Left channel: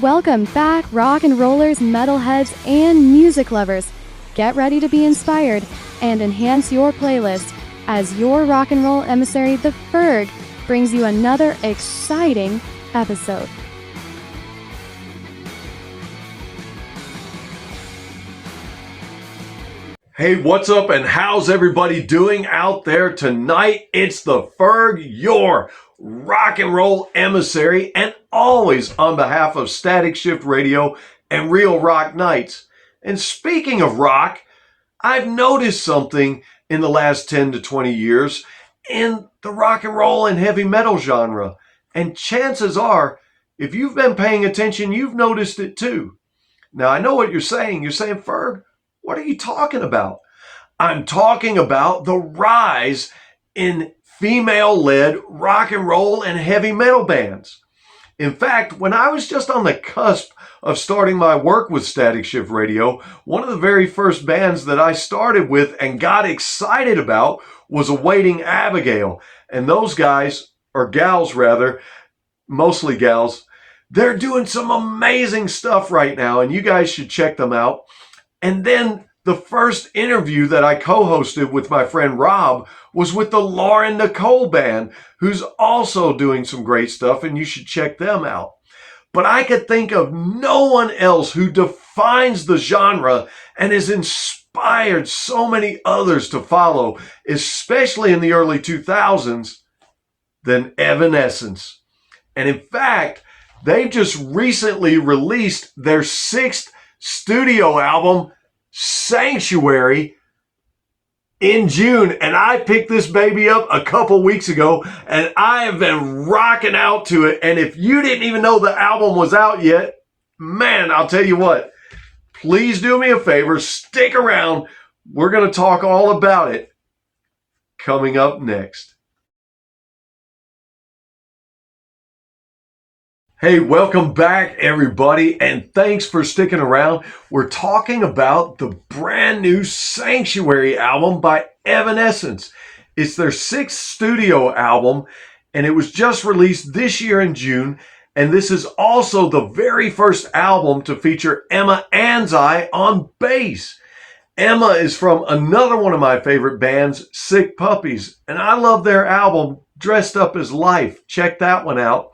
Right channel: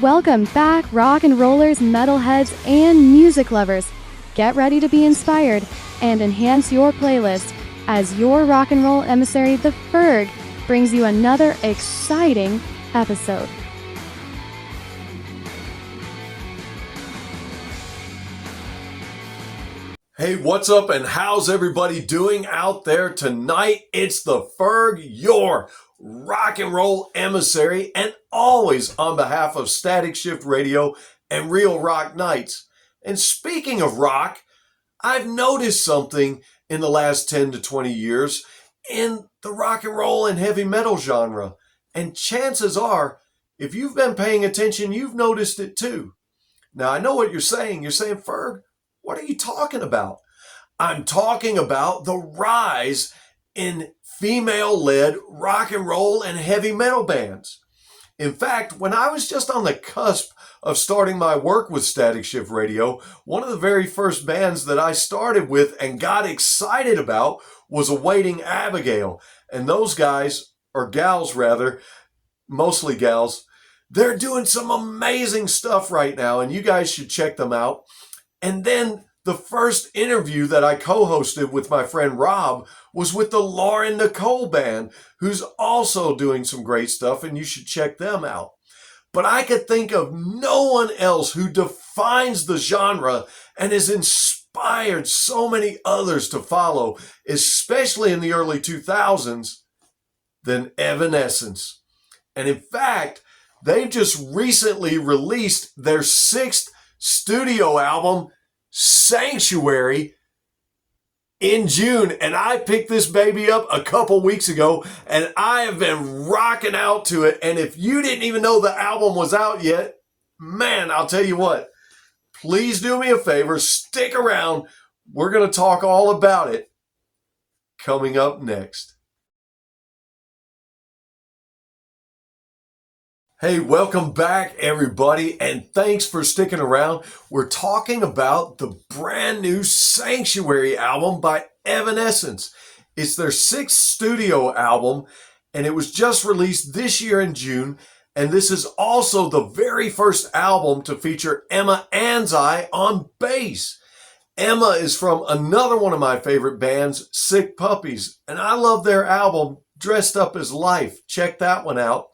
Welcome back, rock and rollers, metalheads, and music lovers. Get ready to be inspired and enhance your playlist as your rock and roll emissary, the Ferg, brings you another exciting episode. Hey, what's up and how's everybody doing out there tonight? It's the Ferg, your rock and roll emissary, and always on behalf of Static Shift Radio and Real Rock Nights. And speaking of rock, I've noticed something in the last 10 to 20 years in the rock and roll and heavy metal genre. And chances are, if you've been paying attention, you've noticed it too. Now, I know what you're saying. You're saying, Ferg, what are you talking about? I'm talking about the rise in female-led rock and roll and heavy metal bands. In fact, when I was just on the cusp of starting my work with Static Shift Radio, one of the very first bands that I started with and got excited about was Awaiting Abigail. And those guys, or gals rather, mostly gals, they're doing some amazing stuff right now, and you guys should check them out. And then the first interview that I co-hosted with my friend Rob was with the Lauren Nicole Band, who's also doing some great stuff, and you should check them out. But I could think of no one else who defines the genre and has inspired so many others to follow, especially in the early 2000s, than Evanescence. And in fact, they've just recently released their sixth studio album, Sanctuary, in June, and I picked this baby up a couple weeks ago, and I have been rocking out to it. And if you didn't even know the album was out yet, man, I'll tell you what, please do me a favor, stick around. We're going to talk all about it coming up next. Hey, welcome back, everybody, and thanks for sticking around. We're talking about the brand new Sanctuary album by Evanescence. It's their sixth studio album, and it was just released this year in June, and this is also the very first album to feature Emma Anzai on bass. Emma is from another one of my favorite bands, Sick Puppies, and I love their album, Dressed Up as Life. Check that one out.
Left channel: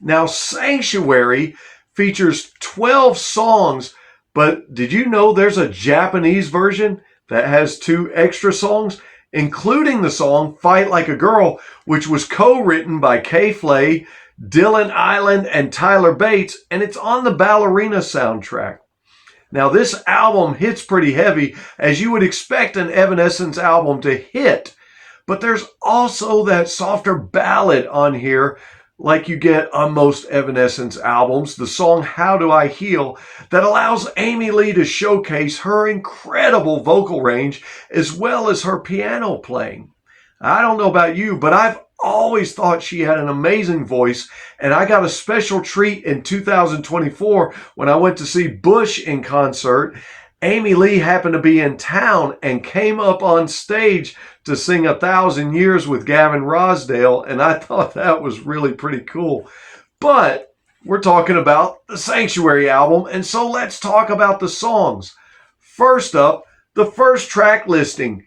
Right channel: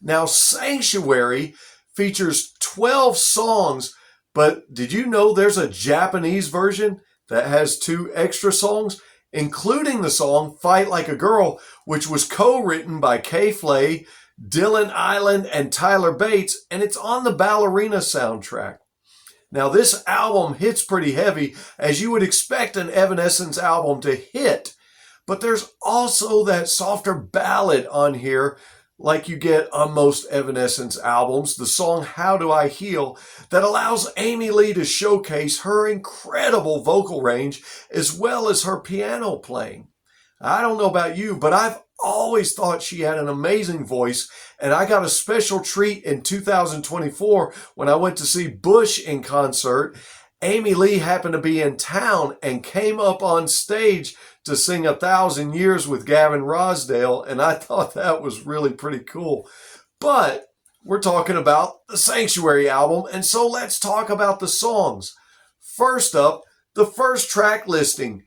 Now, Sanctuary features 12 songs, but did you know there's a Japanese version that has 2 extra songs, including the song Fight Like a Girl, which was co-written by Kay Flay, Dylan Island, and Tyler Bates, and it's on the Ballerina soundtrack. Now, this album hits pretty heavy, as you would expect an Evanescence album to hit, but there's also that softer ballad on here, like you get on most Evanescence albums, the song How Do I Heal, that allows Amy Lee to showcase her incredible vocal range as well as her piano playing. I don't know about you, but I've always thought she had an amazing voice, and I got a special treat in 2024 when I went to see Bush in concert. Amy Lee happened to be in town and came up on stage to sing 1,000 Years with Gavin Rossdale, and I thought that was really pretty cool. But we're talking about the Sanctuary album, and so let's talk about the songs. First up, the first track listing,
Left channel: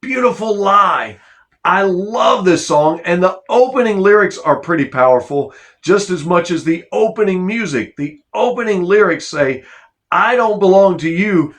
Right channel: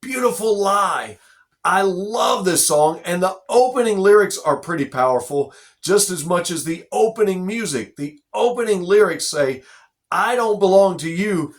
Beautiful Lie. I love this song, and the opening lyrics are pretty powerful, just as much as the opening music. The opening lyrics say, I don't belong to you,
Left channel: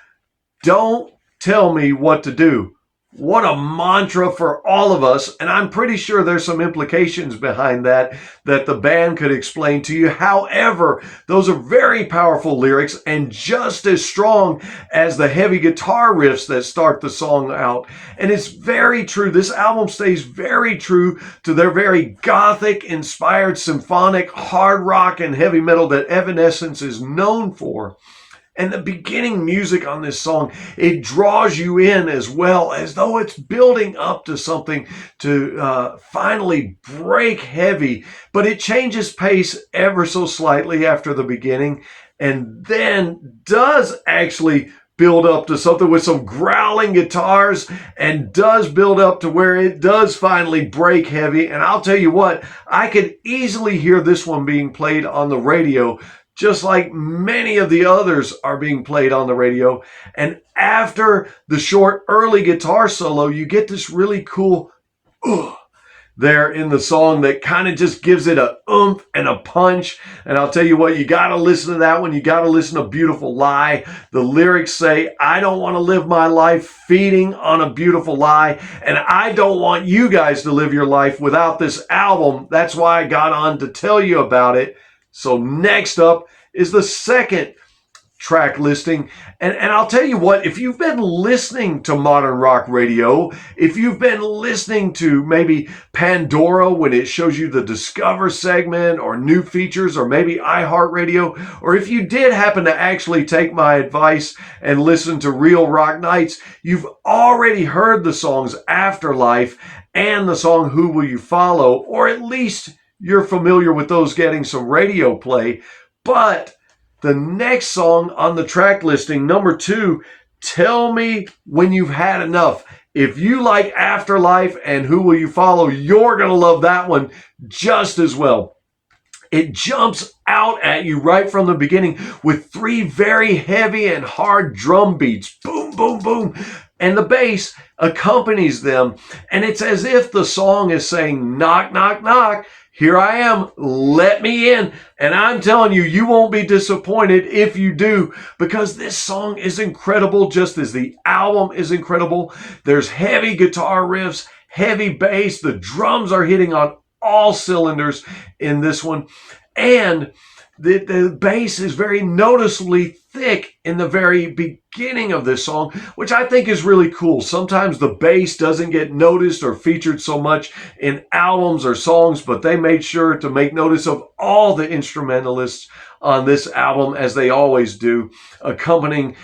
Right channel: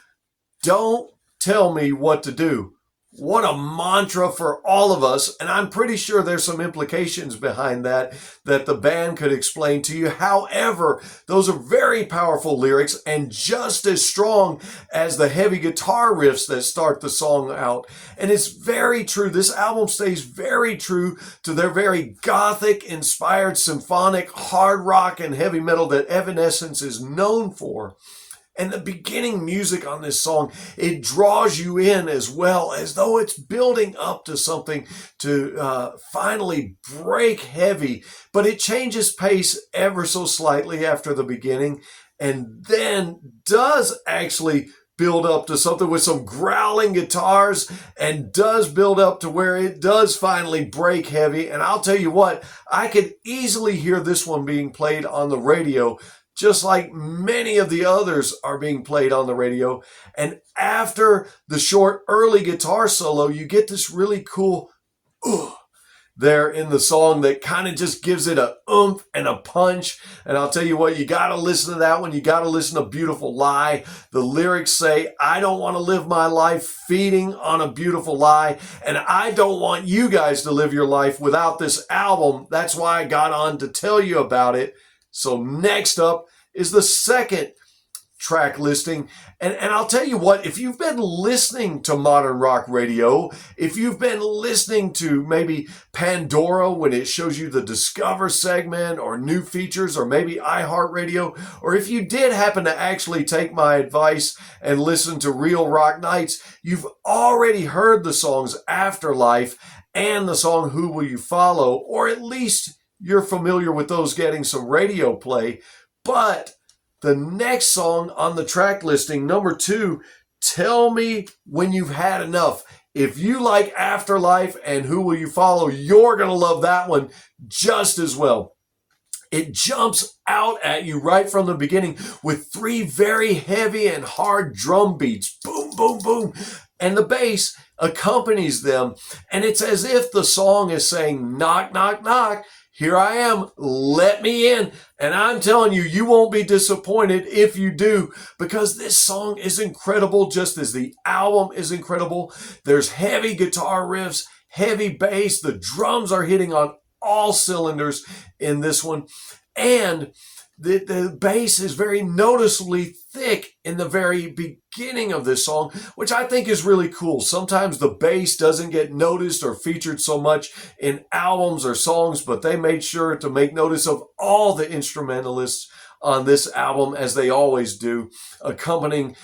don't tell me what to do. What a mantra for all of us, and I'm pretty sure there's some implications behind that the band could explain to you. However, those are very powerful lyrics and just as strong as the heavy guitar riffs that start the song out. And it's very true. This album stays very true to their very Gothic-inspired symphonic hard rock and heavy metal that Evanescence is known for. And the beginning music on this song, it draws you in as well, as though it's building up to something to finally break heavy. But it changes pace ever so slightly after the beginning, and then does actually build up to something with some growling guitars, and does build up to where it does finally break heavy. And I'll tell you what, I could easily hear this one being played on the radio just like many of the others are being played on the radio. And after the short early guitar solo, you get this really cool there in the song that kind of just gives it a oomph and a punch. And I'll tell you what, you got to listen to that one. You got to listen to Beautiful Lie. The lyrics say, I don't want to live my life feeding on a beautiful lie. And I don't want you guys to live your life without this album. That's why I got on to tell you about it. So next up is the second track listing. And I'll tell you what, if you've been listening to modern rock radio, if you've been listening to maybe Pandora when it shows you the Discover segment or new features, or maybe iHeartRadio, or if you did happen to actually take my advice and listen to Real Rock Nights, you've already heard the songs Afterlife and the song Who Will You Follow, or at least you're familiar with those getting some radio play. But the next song on the track listing, number 2, Tell Me When You've Had Enough. If you like Afterlife and Who Will You Follow, you're going to love that one just as well. It jumps out at you right from the beginning with 3 very heavy and hard drum beats. Boom, boom, boom. And the bass accompanies them. And it's as if the song is saying, knock, knock, knock. Here I am, let me in. And I'm telling you, you won't be disappointed if you do, because this song is incredible, just as the album is incredible. There's heavy guitar riffs, heavy bass. The drums are hitting on all cylinders in this one. And the bass is very noticeably thick in the very beginning of this song, which I think is really cool. Sometimes the bass doesn't get noticed or featured so much in albums or songs, but they made sure to make notice of all the instrumentalists on this album, as they always do, accompanying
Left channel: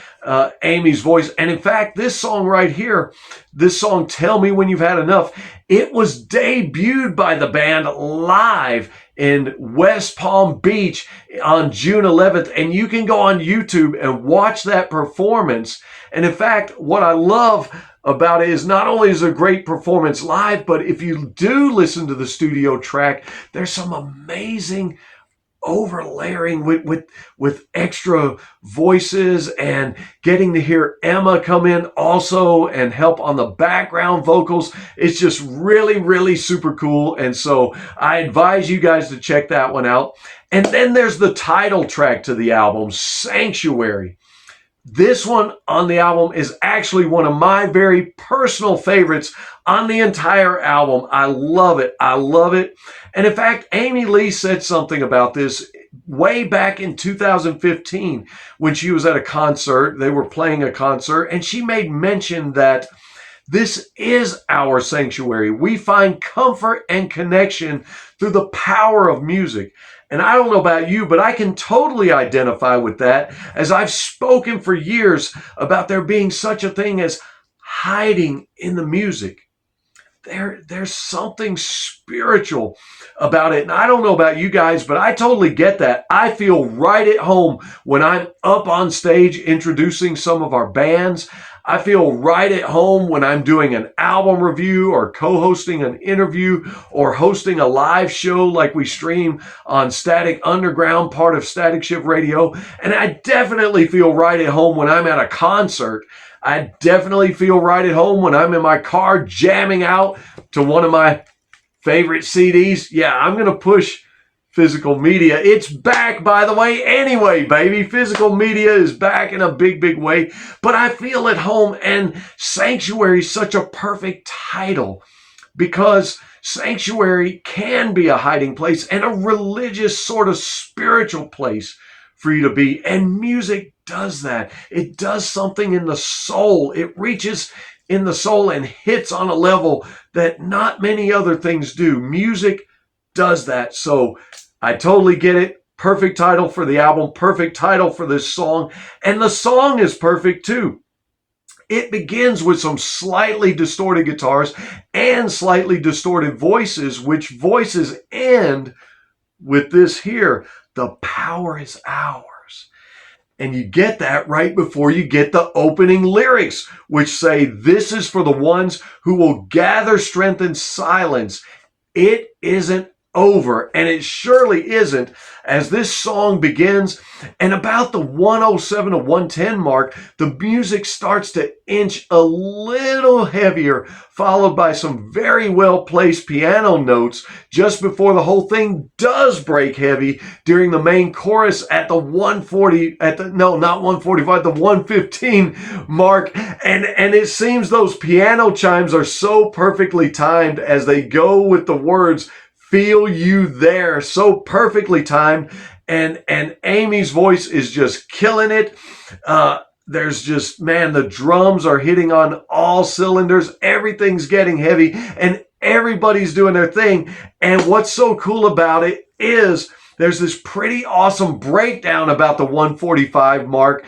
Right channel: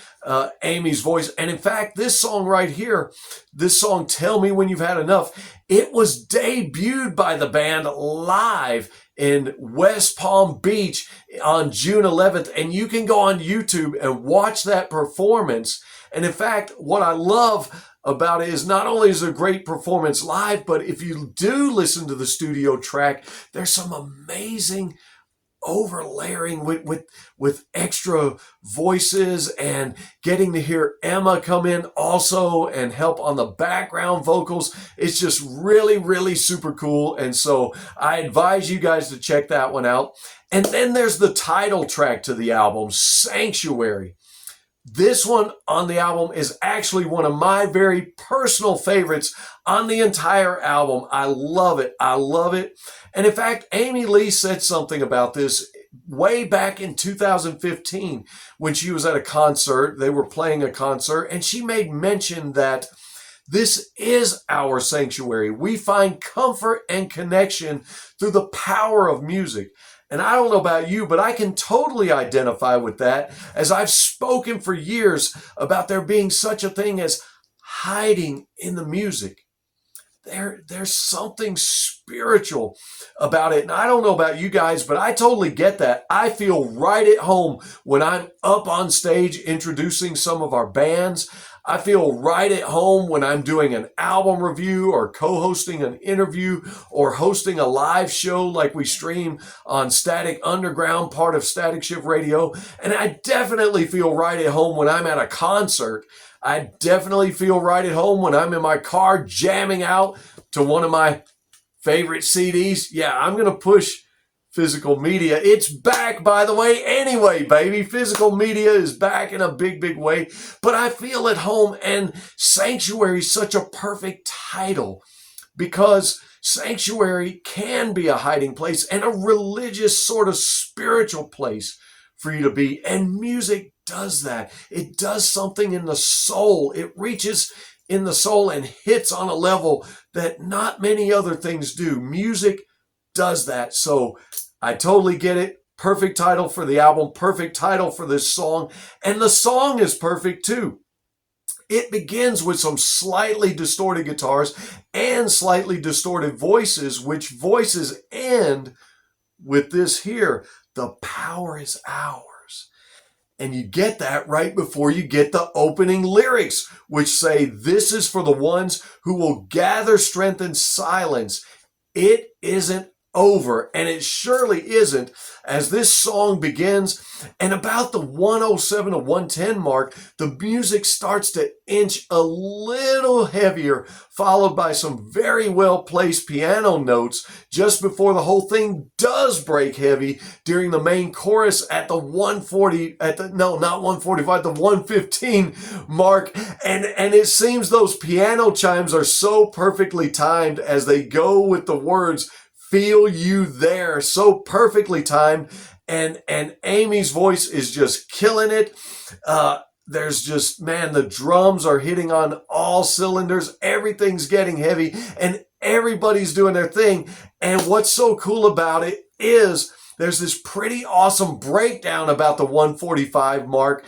Amy's voice. And in fact, this song right here, this song, Tell Me When You've Had Enough, it was debuted by the band live in West Palm Beach on June 11th. And you can go on YouTube and watch that performance. And in fact, what I love about it is not only is it a great performance live, but if you do listen to the studio track, there's some amazing overlaying with extra voices, and getting to hear Emma come in also and help on the background vocals. It's just really, really super cool. And so I advise you guys to check that one out. And then there's the title track to the album, Sanctuary. This one on the album is actually one of my very personal favorites on the entire album. I love it. I love it. And in fact, Amy Lee said something about this way back in 2015 when she was at a concert. They were playing a concert, and she made mention that this is our sanctuary. We find comfort and connection through the power of music. And I don't know about you, but I can totally identify with that, as I've spoken for years about there being such a thing as hiding in the music. There's something spiritual about it. And I don't know about you guys, but I totally get that. I feel right at home when I'm up on stage introducing some of our bands. I feel right at home when I'm doing an album review or co-hosting an interview or hosting a live show like we stream on Static Underground, part of Static Shift Radio. And I definitely feel right at home when I'm at a concert. I definitely feel right at home when I'm in my car jamming out to one of my favorite CDs. Yeah, I'm going to push physical media. It's back, by the way, anyway, baby. Physical media is back in a big, big way. But I feel at home, and Sanctuary is such a perfect title, because Sanctuary can be a hiding place and a religious sort of spiritual place for you to be. And music does that. It does something in the soul. It reaches in the soul and hits on a level that not many other things do. Music does that. So I totally get it. Perfect title for the album. Perfect title for this song. And the song is perfect too. It begins with some slightly distorted guitars and slightly distorted voices, which voices end with this here: the power is ours. And you get that right before you get the opening lyrics, which say, this is for the ones who will gather strength in silence. It isn't over, and it surely isn't, as this song begins, and about the 107 to 110 mark, the music starts to inch a little heavier, followed by some very well placed piano notes just before the whole thing does break heavy during the main chorus at the 140, not 145, the 115 mark, and it seems those piano chimes are so perfectly timed as they go with the words "Feel You There," so perfectly timed, and Amy's voice is just killing it. There's just, man, the drums are hitting on all cylinders. Everything's getting heavy, and everybody's doing their thing. And what's so cool about it is there's this pretty awesome breakdown about the 145 mark,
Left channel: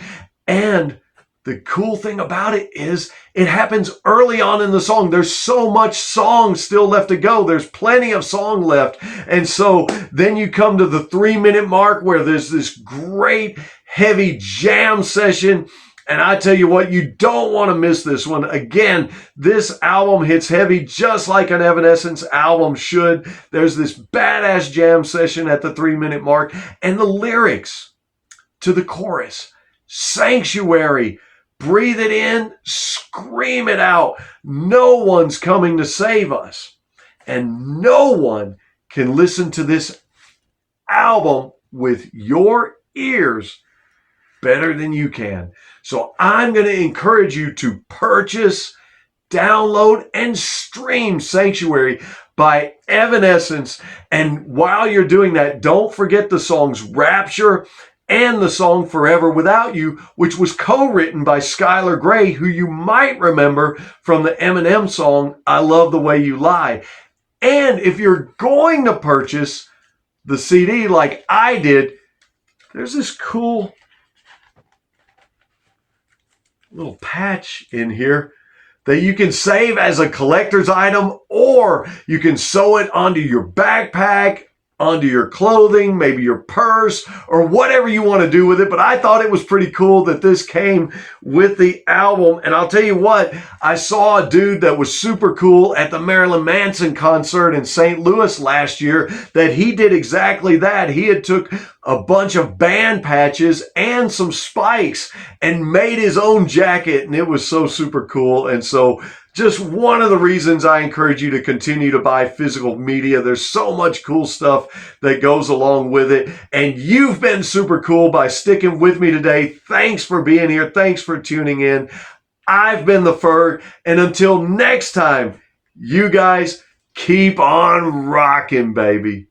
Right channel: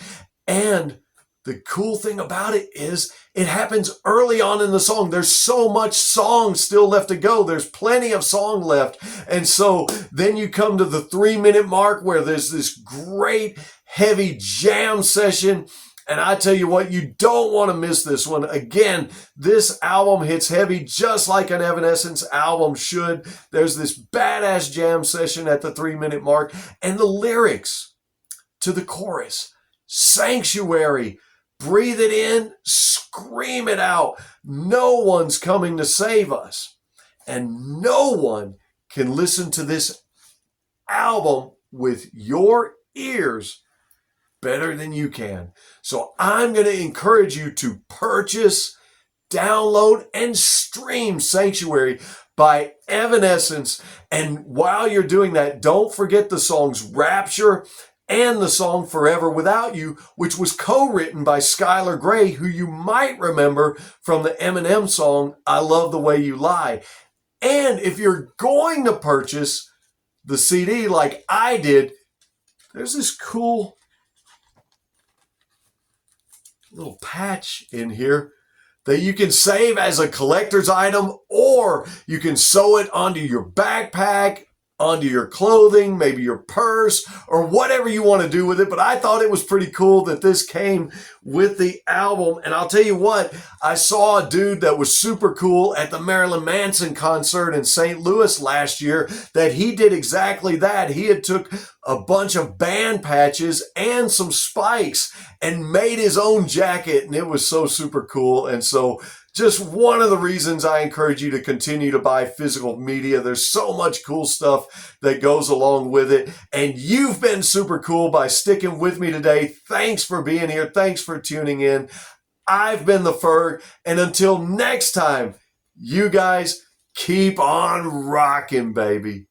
and the cool thing about it is it happens early on in the song. There's so much song still left to go. There's plenty of song left. And so then you come to the 3-minute mark where there's this great heavy jam session. And I tell you what, you don't want to miss this one. Again, this album hits heavy just like an Evanescence album should. There's this badass jam session at the 3-minute mark. And the lyrics to the chorus, "Sanctuary, breathe it in, scream it out. No one's coming to save us. And no one can listen to this album with your ears better than you can." So I'm going to encourage you to purchase, download, and stream Sanctuary by Evanescence. And while you're doing that, don't forget the songs Rapture and the song Forever Without You, which was co-written by Skylar Grey, who you might remember from the Eminem song I Love the Way You Lie. And if you're going to purchase the CD like I did, there's this cool little patch in here that you can save as a collector's item, or you can sew it onto your backpack, onto your clothing, maybe your purse, or whatever you want to do with it. But I thought it was pretty cool that this came with the album. And I'll tell you what, I saw a dude that was super cool at the Marilyn Manson concert in St. Louis last year, that he did exactly that. He had took a bunch of band patches and some spikes and made his own jacket, and it was so super cool. And so just one of the reasons I encourage you to continue to buy physical media. There's so much cool stuff that goes along with it. And you've been super cool by sticking with me today. Thanks for being here. Thanks for tuning in. I've been the Ferg. And until next time, you guys keep on rocking, baby.